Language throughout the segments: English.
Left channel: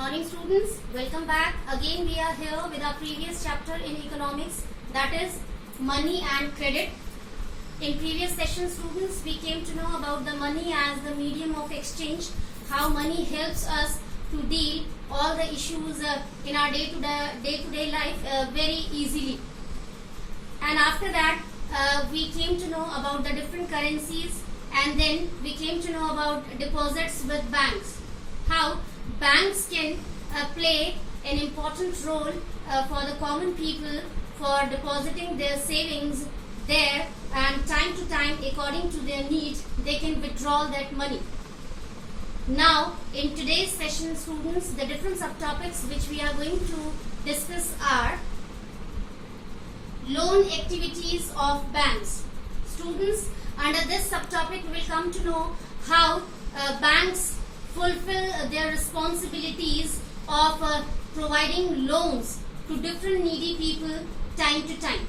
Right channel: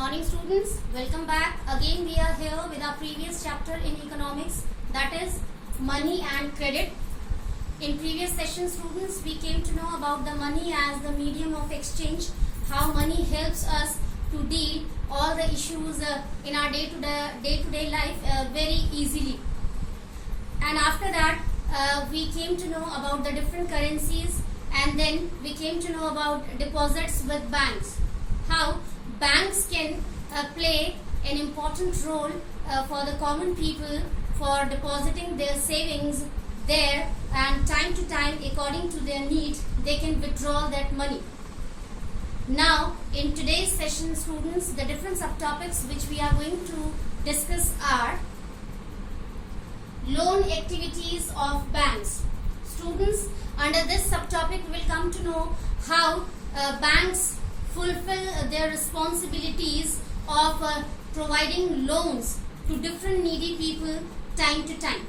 morning students, welcome back. Again we are here with our previous chapter in economics, that is money and credit. In previous session students, we came to know about the money as the medium of exchange, how money helps us to deal all the issues in our day-to-day life very easily. And after that we came to know about the different currencies, and then we came to know about deposits with banks, how banks can play an important role for the common people for depositing their savings there, and time to time according to their need they can withdraw that money. Now in today's session students, the different subtopics which we are going to discuss are loan activities of banks. Students, under this subtopic we will come to know how banks fulfill their responsibilities of providing loans to different needy people time to time,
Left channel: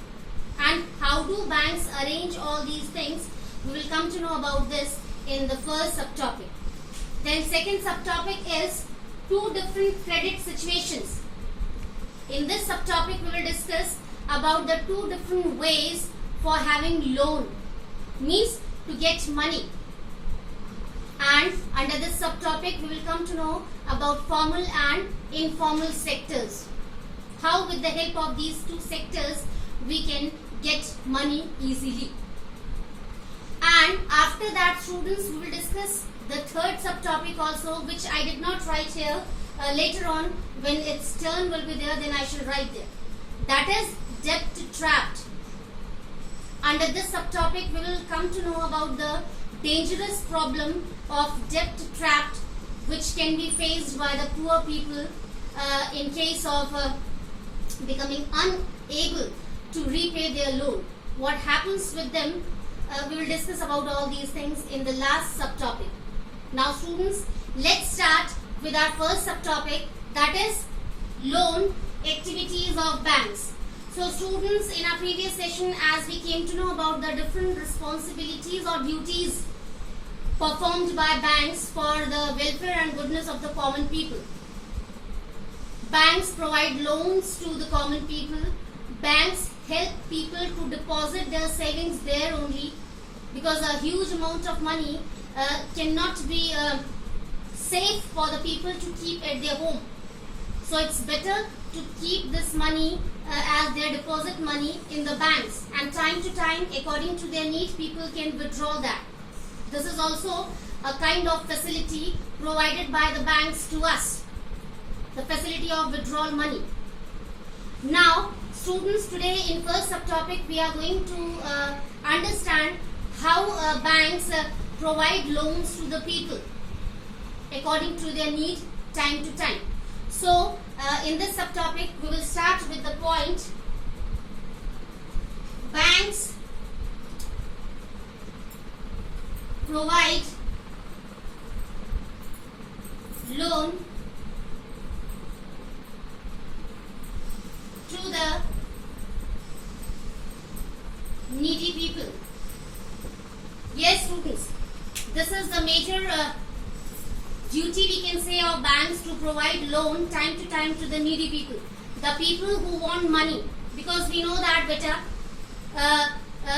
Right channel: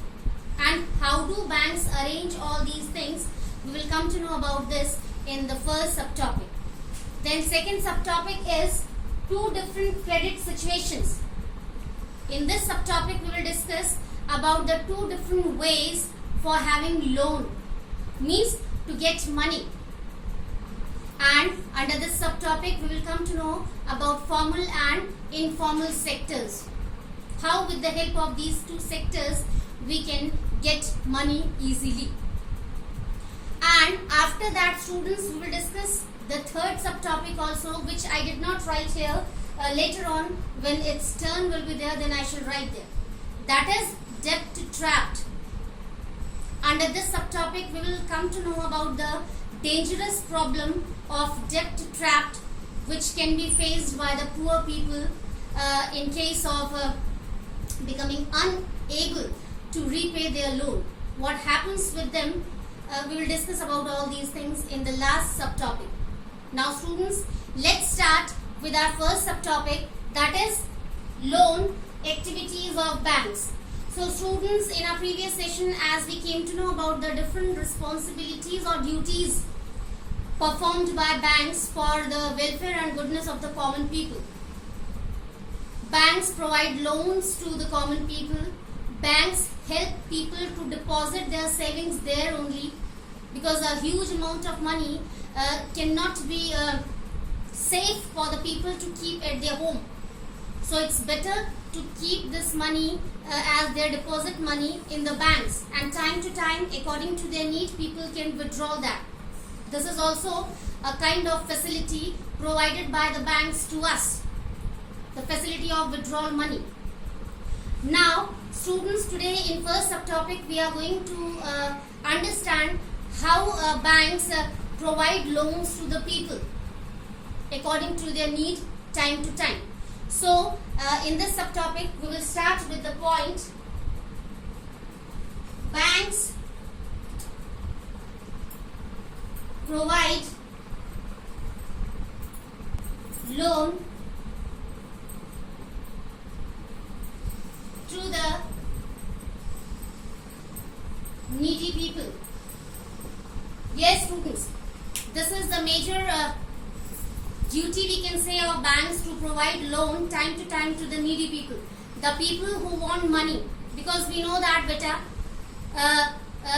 and how do banks arrange all these things. We will come to know about this in the first subtopic. Then second subtopic is two different credit situations. In this subtopic we will discuss about the two different ways for having loan, means to get money. And under this subtopic we will come to know about formal and informal sectors, how with the help of these two sectors we can get money easily. And after that students, we will discuss the third subtopic also, which I did not write here. Later on when its turn will be there, then I shall write there. That is debt trapped. Under this subtopic we will come to know about the dangerous problem of debt trapped, which can be faced by the poor people in case of becoming unable to repay their loan. What happens with them, we will discuss about all these things in the last subtopic. Now students, let's start with our first subtopic, that is loan activities of banks. So students, in our previous session as we came to know about the different responsibilities or duties performed by banks for the welfare and goodness of the common people. Banks provide loans to the common people. Banks help people to deposit their savings there only, because a huge amount of money cannot be safe for the people to keep at their home. So it's better to keep this money as their deposit money in the banks, and time to time according to their need people can withdraw that. This is also a kind of facility provided by the banks to us, the facility of withdrawal money. Now students, today in first subtopic we are going to understand how banks provide loans to the people according to their need time to time. So in this subtopic we will start with the point, banks provide loan to the needy people. Yes students, this is the major duty we can say of banks, to provide loan time to time to the needy people, the people who want money, because we know that beta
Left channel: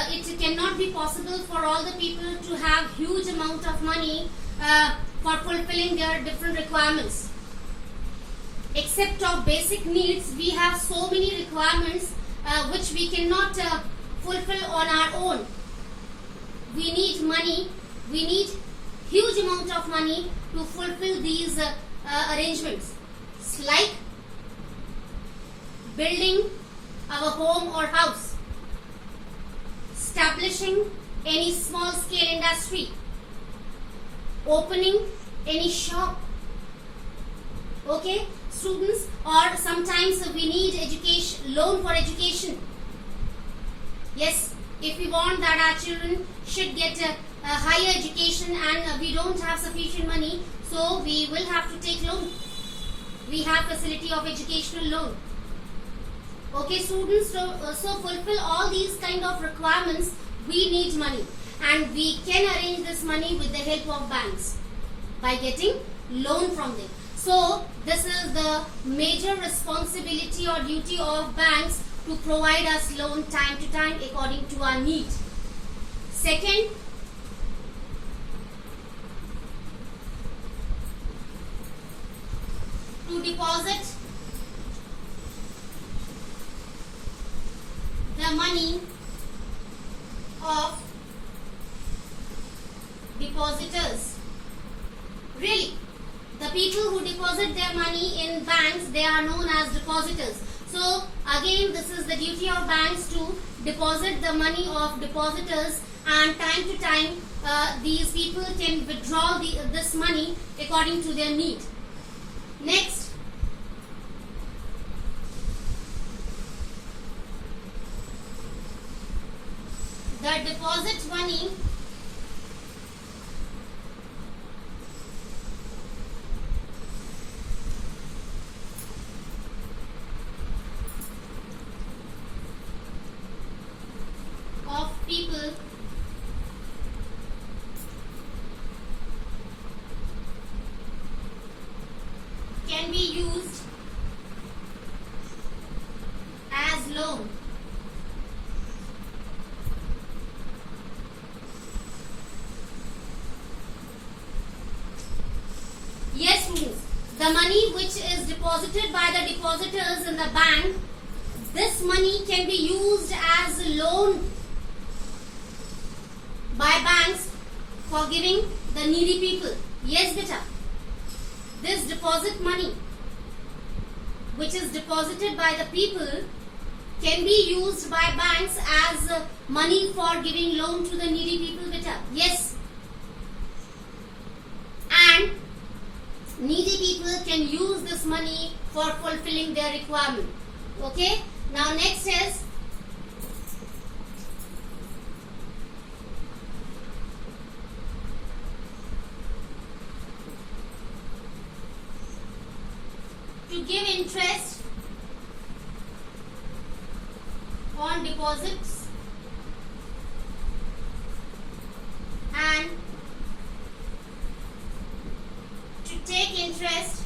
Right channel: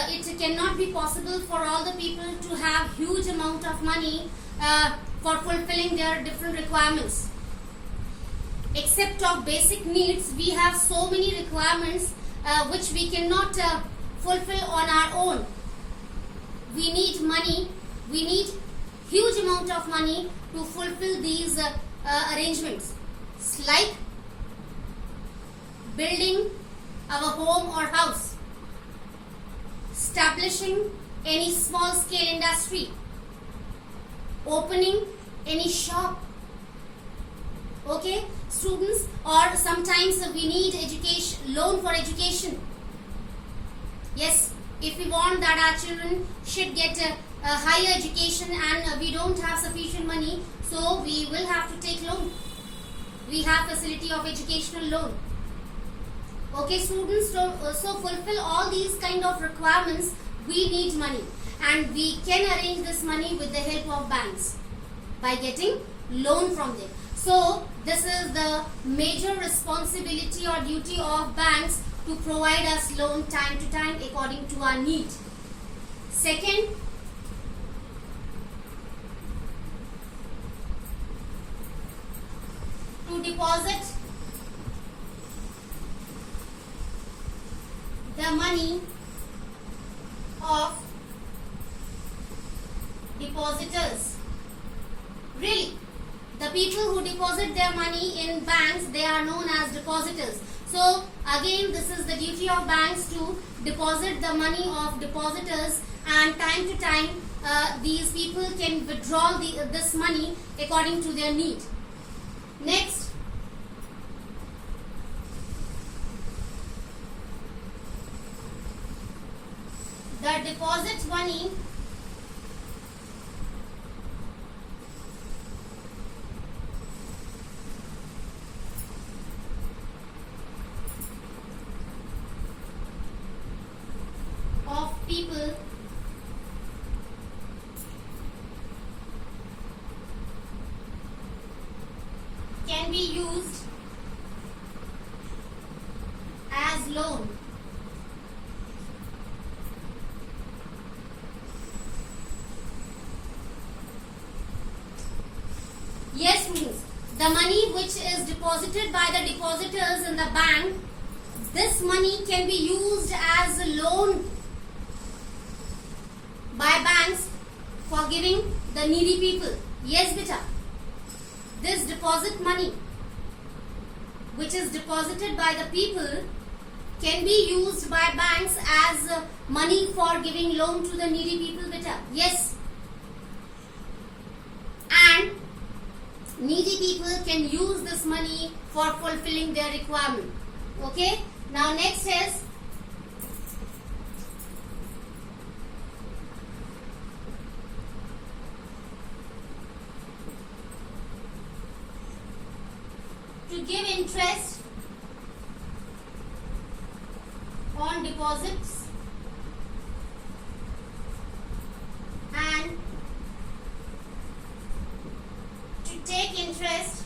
it cannot be possible for all the people to have huge amount of money for fulfilling their different requirements. Except of basic needs, we have so many requirements which we cannot fulfill on our own. We need money, we need huge amount of money to fulfill these arrangements. It's like building our home or house, establishing any small scale industry, opening any shop. Okay students, or sometimes we need education, loan for education. Yes, if we want that our children should get a higher education and we don't have sufficient money, so we will have to take loan. We have facility of educational loan. Okay students, so fulfill all these kind of requirements we need money, and we can arrange this money with the help of banks by getting loan from them. So this is the major responsibility or duty of banks to provide us loan time to time according to our need. Second, to deposit the money of depositors. Really, the people who deposit their money in banks, they are known as depositors. So again, this is the duty of banks to deposit the money of depositors, and time to time these people can withdraw this money according to their need. Next, the deposit money of people can be used as loan. Yes, means the money which is deposited by the depositors in the bank, this money can be used as a loan by banks for giving the needy people. Yes, beta. This deposit money which is deposited by the people can be used by banks as money for giving loan to the needy people, beta. Yes. And needy people can use this money for fulfilling their requirement. Okay. Now next is to give interest on deposits and to take interest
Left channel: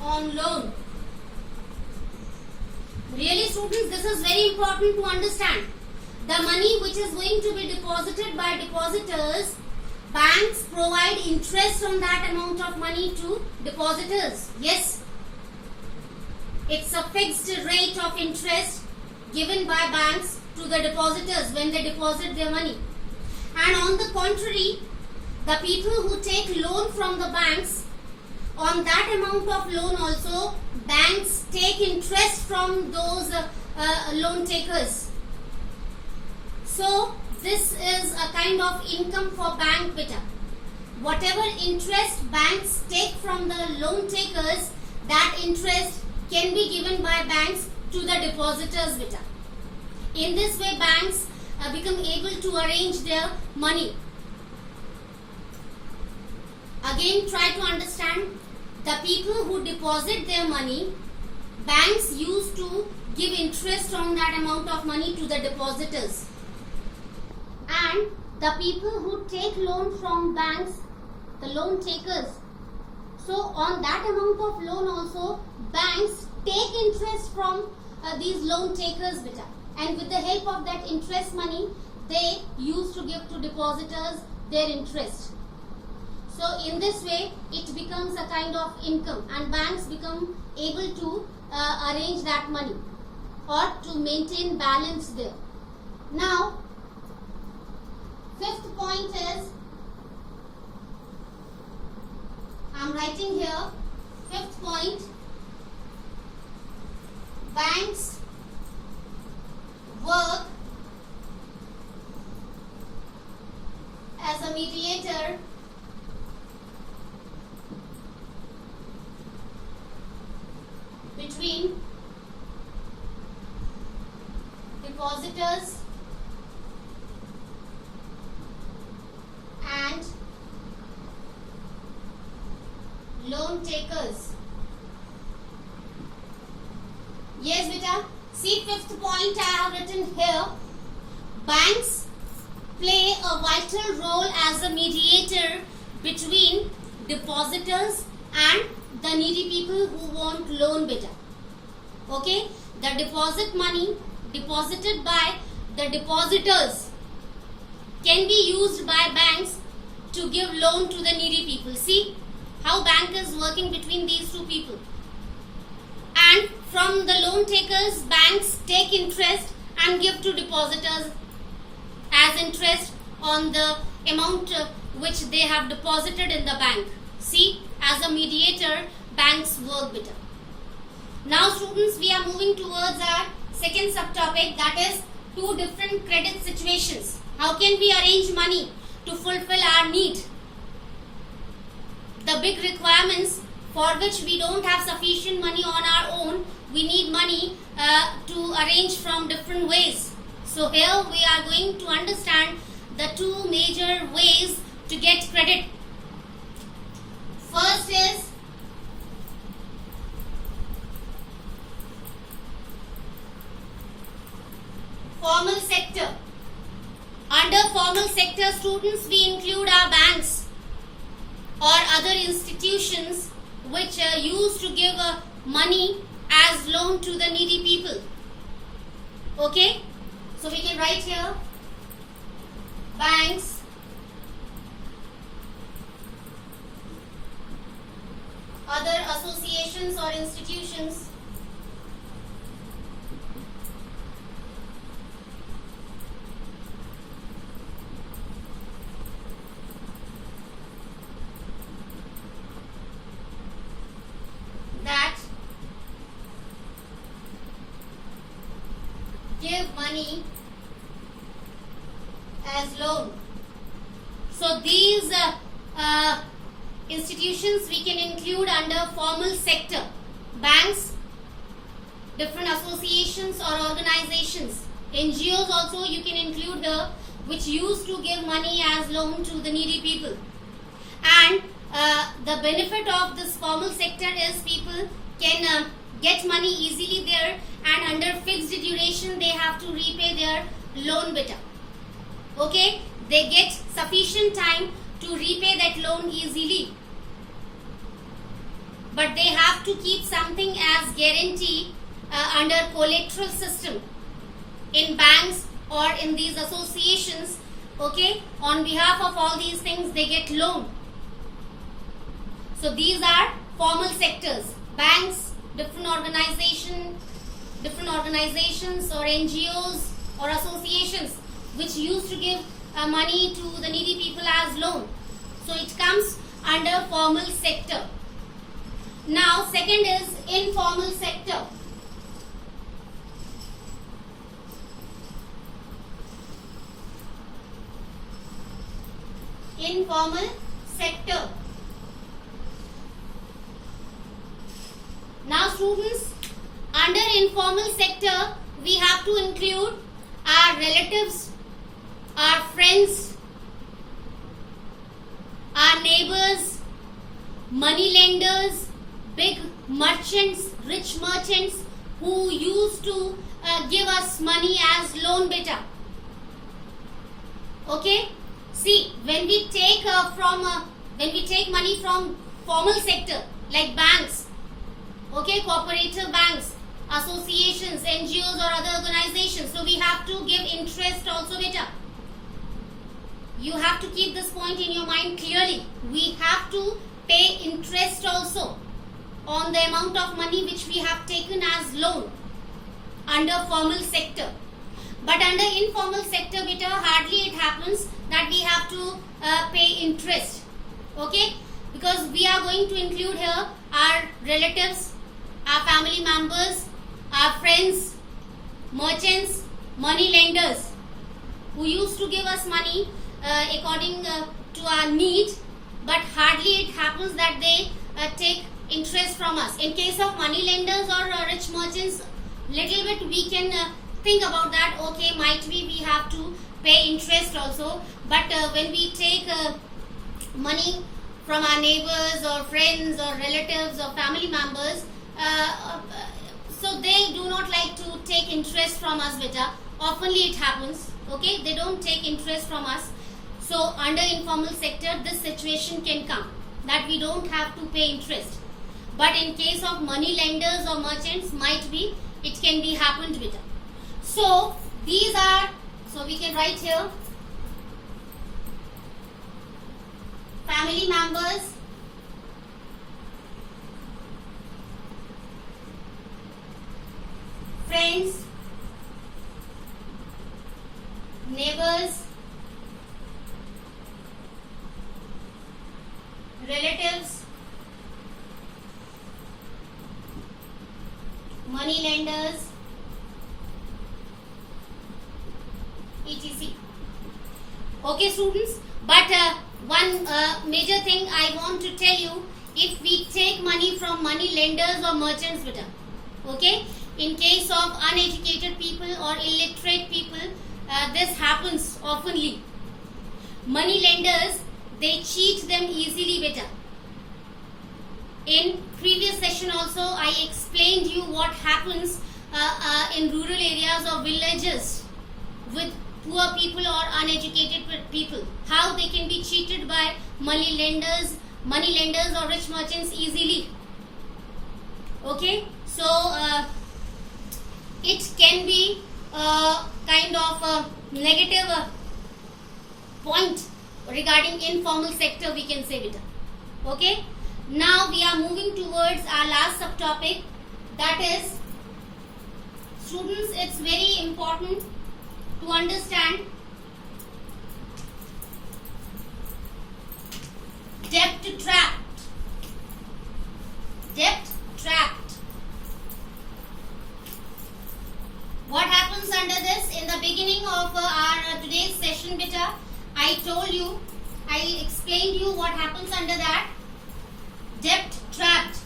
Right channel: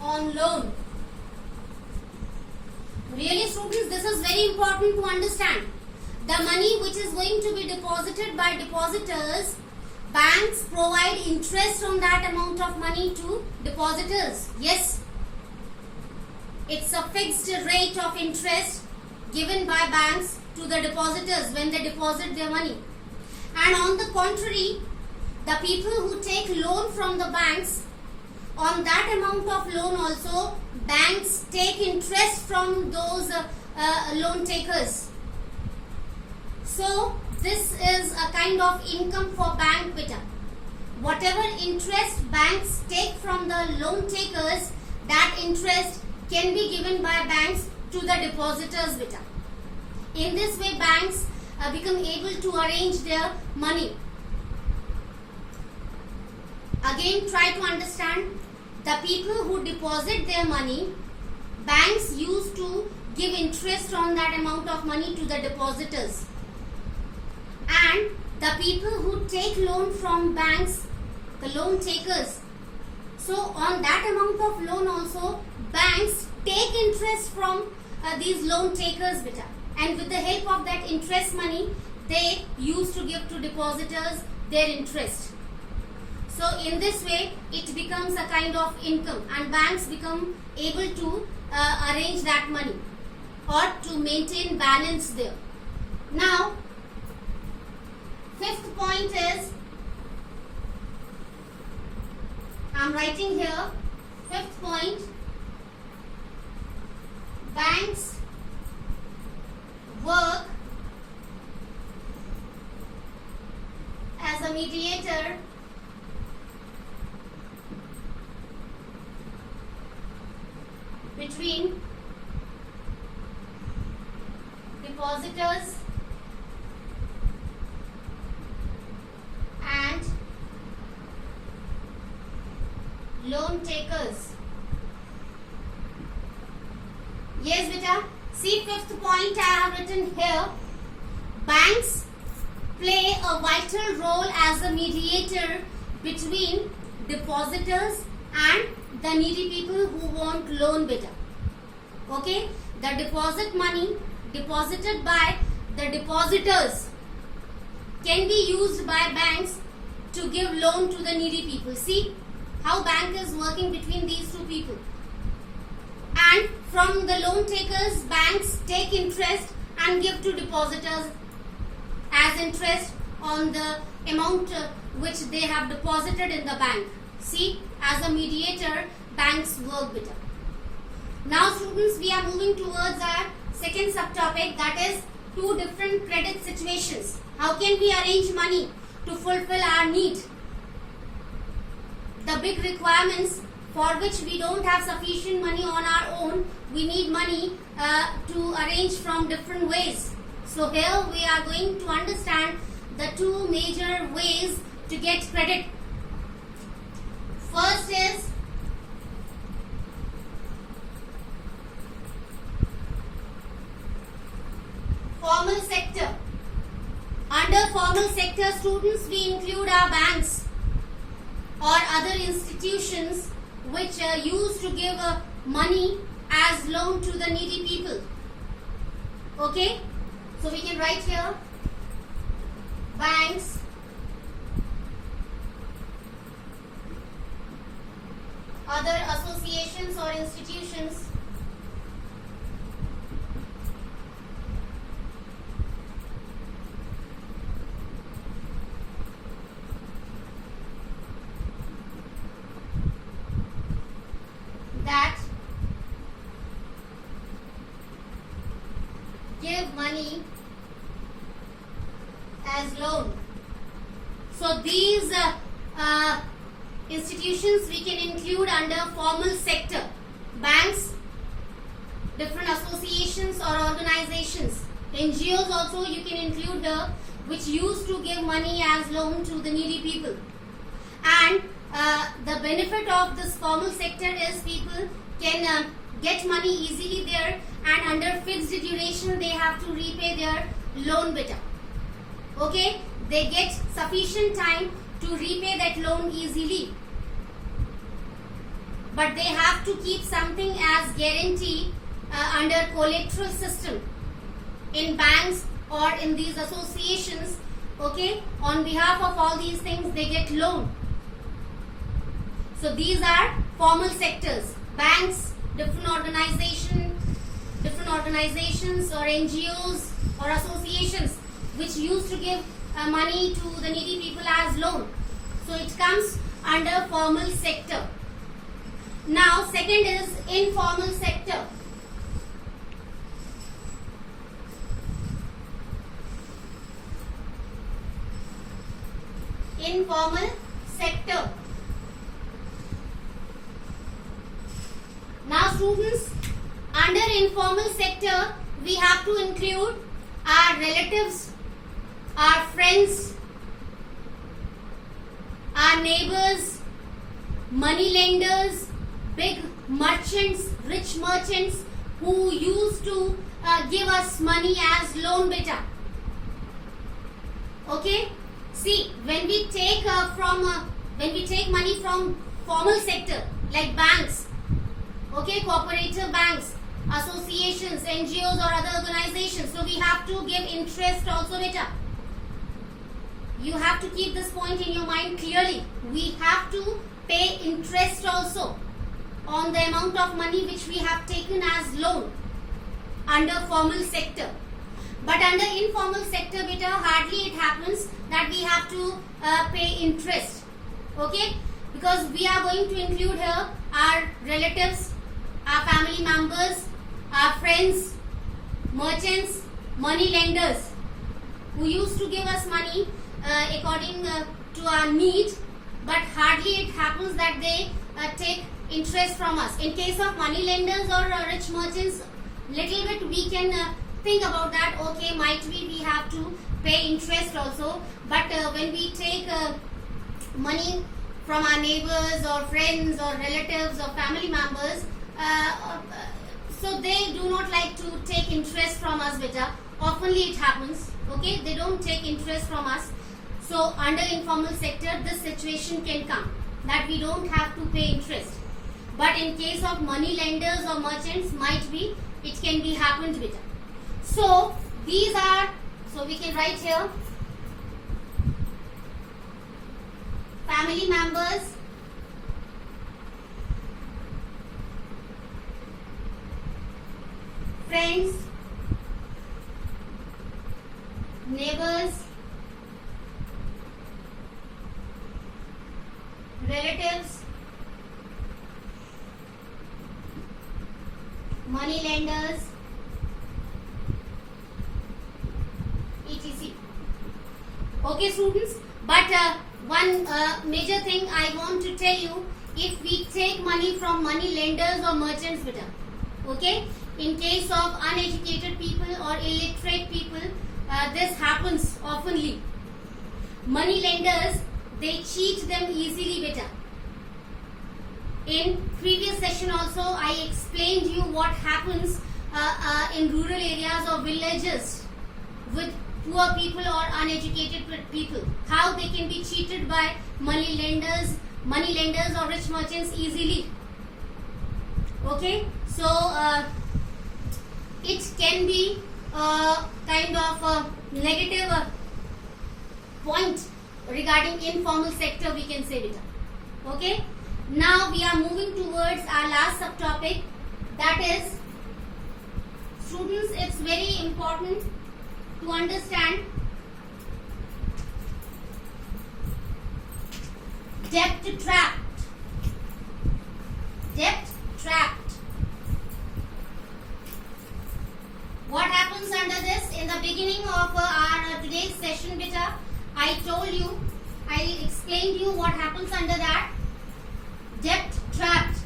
on loan. Really, students, this is very important to understand. The money which is going to be deposited by depositors, banks provide interest on that amount of money to depositors. Yes, it's a fixed rate of interest given by banks to the depositors when they deposit their money. And on the contrary, the people who take loan from the banks, on that amount of loan also, banks take interest from those loan takers. So this is a kind of income for bank, beta. Whatever interest banks take from the loan takers, that interest can be given by banks to the depositors, beta. In this way, banks become able to arrange their money. Again, try to understand. The people who deposit their money, banks used to give interest on that amount of money to the depositors. And the people who take loan from banks, the loan takers, so on that amount of loan also, banks take interest from these loan takers, beta. And with the help of that interest money, they used to give to depositors their interest. So in this way, it becomes a kind of income, and banks become able to arrange that money or to maintain balance there. Now, fifth point is, I am writing here, fifth point, banks work as a mediator between depositors and loan takers. Yes, beta. See, fifth point I have written here. Banks play a vital role as a mediator between depositors and the needy people who want loan beta. Okay, the deposit money deposited by the depositors can be used by banks to give loan to the needy people. See how bank is working between these two people. And from the loan takers, banks take interest and give to depositors as interest on the amount which they have deposited in the bank. See, as a mediator, banks work better. Now students, we are moving towards our second subtopic, that is two different credit situations. How can we arrange money to fulfill our need? The big requirements for which we don't have sufficient money on our own, we need money to arrange from different ways. So here we are going to understand the two major ways to get credit. First is formal sector. Under formal sector, students, we include our banks or other institutions which used to give money as loan to the needy people. Okay, so we can write here banks, other associations or institutions that give money as loan. So these institutions we can include under formal sector. Banks, different associations or organizations. NGOs also you can include which used to give money as loan to the needy people. And the benefit of this formal sector is people can get money easily there, and under fixed duration they have to repay their loan better. Okay, they get sufficient time to repay that loan easily, but they have to keep something as guarantee under collateral system in banks or in these associations. Okay, on behalf of all these things they get loan. So these are formal sectors. Banks, different organizations or NGOs or associations which used to give money to the needy people as loan. So it comes under formal sector. Now second is informal sector. Informal sector. Now students, under informal sector we have to include our relatives, our friends, our neighbors, money lenders, big merchants, rich merchants who used to give us money as loan beta. Okay, see, when we take money from formal sector like banks, okay, cooperative banks, associations, NGOs or other organizations, so we have to give interest also beta. You have to keep this point in your mind clearly. We have to pay interest also on the amount of money which we have taken as loan under formal sector. But under informal sector beta, hardly it happens that we have to pay interest. Okay, because we are going to include here our relatives, our family members, our friends, merchants, money lenders who used to give us money according to our need, but hardly it happens that they take interest from us. In case of money lenders or rich merchants, little bit we can think about that. Okay, might be we have to pay interest also, but when we take money from our neighbors or friends or relatives or family members, so they do not like to take interest from us beta. Oftenly it happens. Okay, they don't take interest from us. So under informal sector, this situation can come that we don't have to pay interest. But in case of money lenders or merchants, might be it can be happened with. So these are, so we can write here family members, friends, neighbors, relatives, money lenders, etc. Okay, students, but one major thing I want to tell you, if we take money from money lenders or merchants, beta, okay, in case of uneducated people or illiterate people, this happens oftenly. Money lenders, they cheat them easily, beta. In previous session also, I explained you what happens in rural areas or villages with poor people or uneducated people, how they can be cheated by money lenders or rich merchants easily. Okay, so it can be kind of a negative point regarding informal sector, we can say, beta. Okay, now we are moving towards our last subtopic, that is, students, it's very important to understand debt trapped. Debt trapped. What happens under this? In the beginning of our today's session, beta, I told you, I explained you what happens under that. Debt trapped.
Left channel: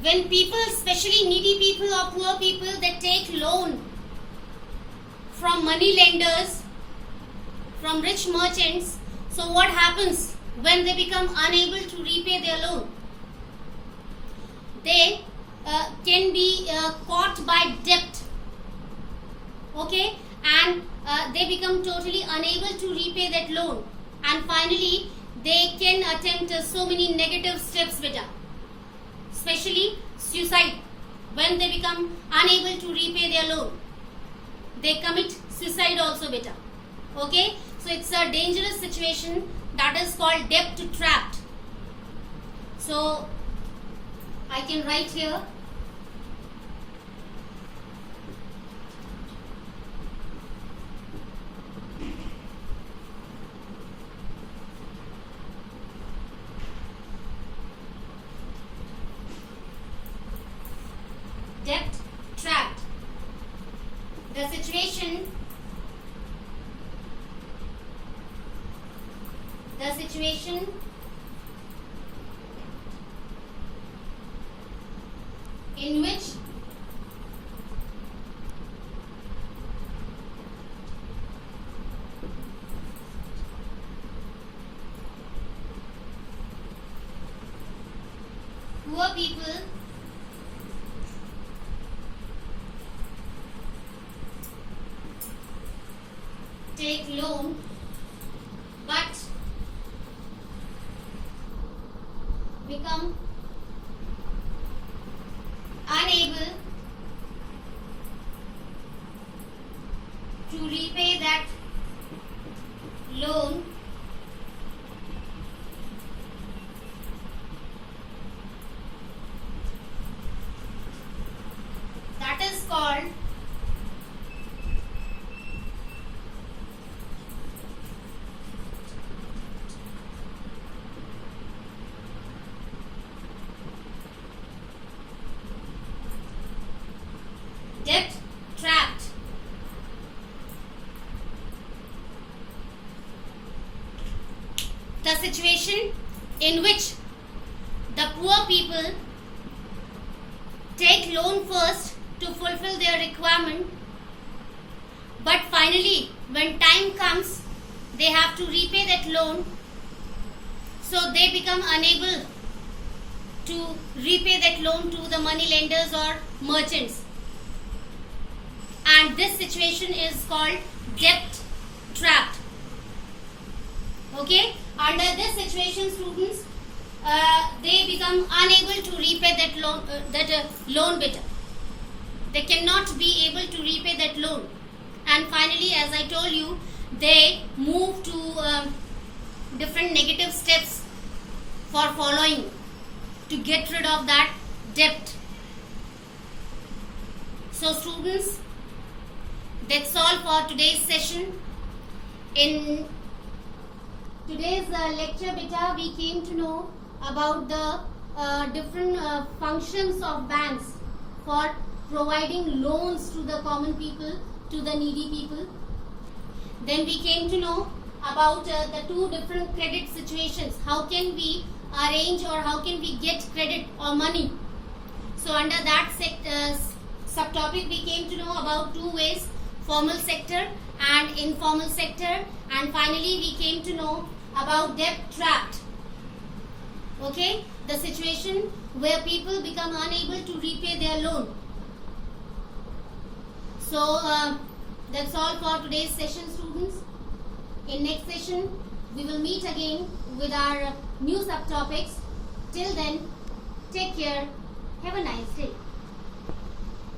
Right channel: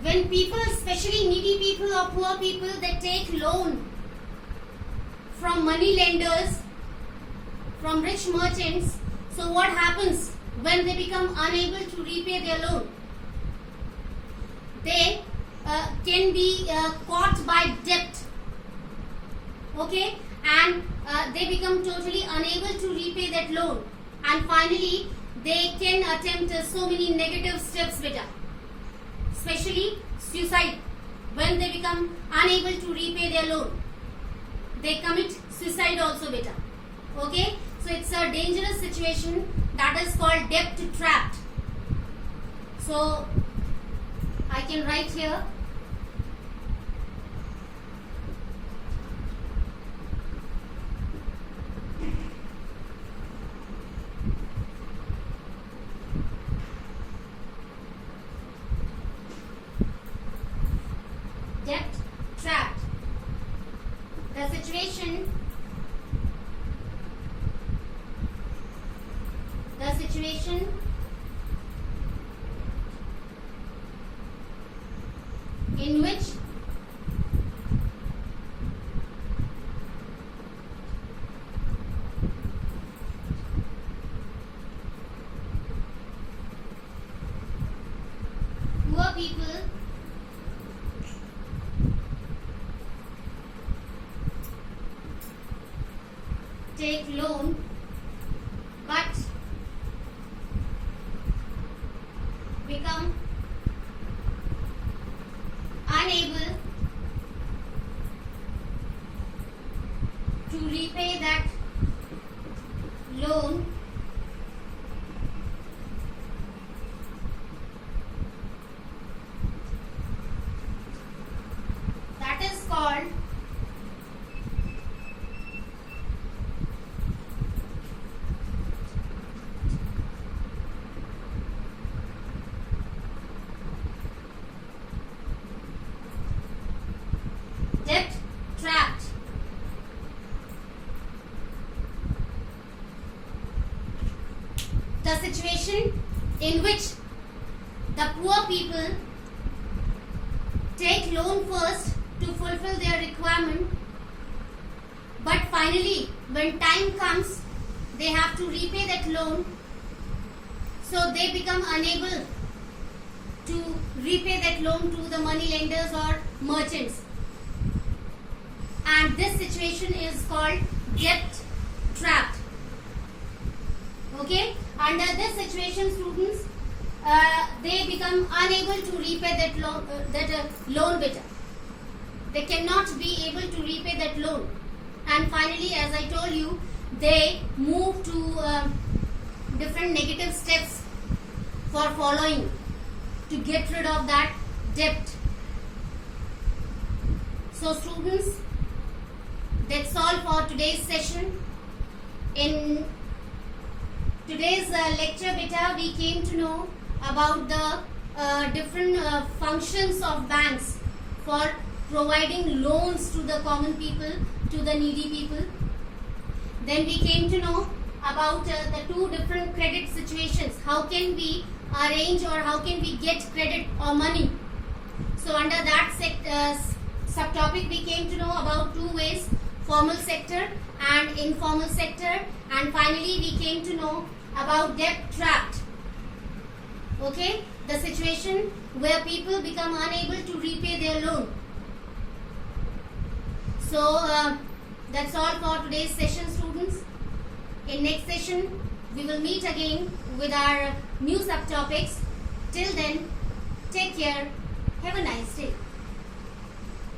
When people, especially needy people or poor people, they take loan from money lenders, from rich merchants, so what happens when they become unable to repay their loan? They can be caught by debt, okay, and they become totally unable to repay that loan, and finally they can attempt so many negative steps, beta, especially suicide. When they become unable to repay their loan, they commit suicide also, beta. Okay, so it's a dangerous situation, that is called debt trapped. So I can write here debt trapped. The situation in which poor people take loan but become unable to repay that loan that is called debt trapped. The situation in which the poor people take loan first to fulfill their requirement, but finally when time comes they have to repay that loan, so they become unable to repay that loan to the money lenders or merchants, and this situation is called debt trapped. Okay, under this situation, students, they become unable to repay that loan better. They cannot be able to repay that loan, and finally, as I told you, they move to different negative steps for following to get rid of that debt. So students, that's all for today's session. In today's lecture beta, we came to know about the different functions of banks for providing loans to the common people, to the needy people. Then we came to know about the two different credit situations. How can we arrange or how can we get credit or money? So under that subtopic, we came to know about two ways: formal sector and informal sector, and finally we came to know about debt trapped. Okay, the situation where people become unable to repay their loan. So that's all for today's session, students. In next session, we will meet again with our new subtopics. Till then, take care. Have a nice day.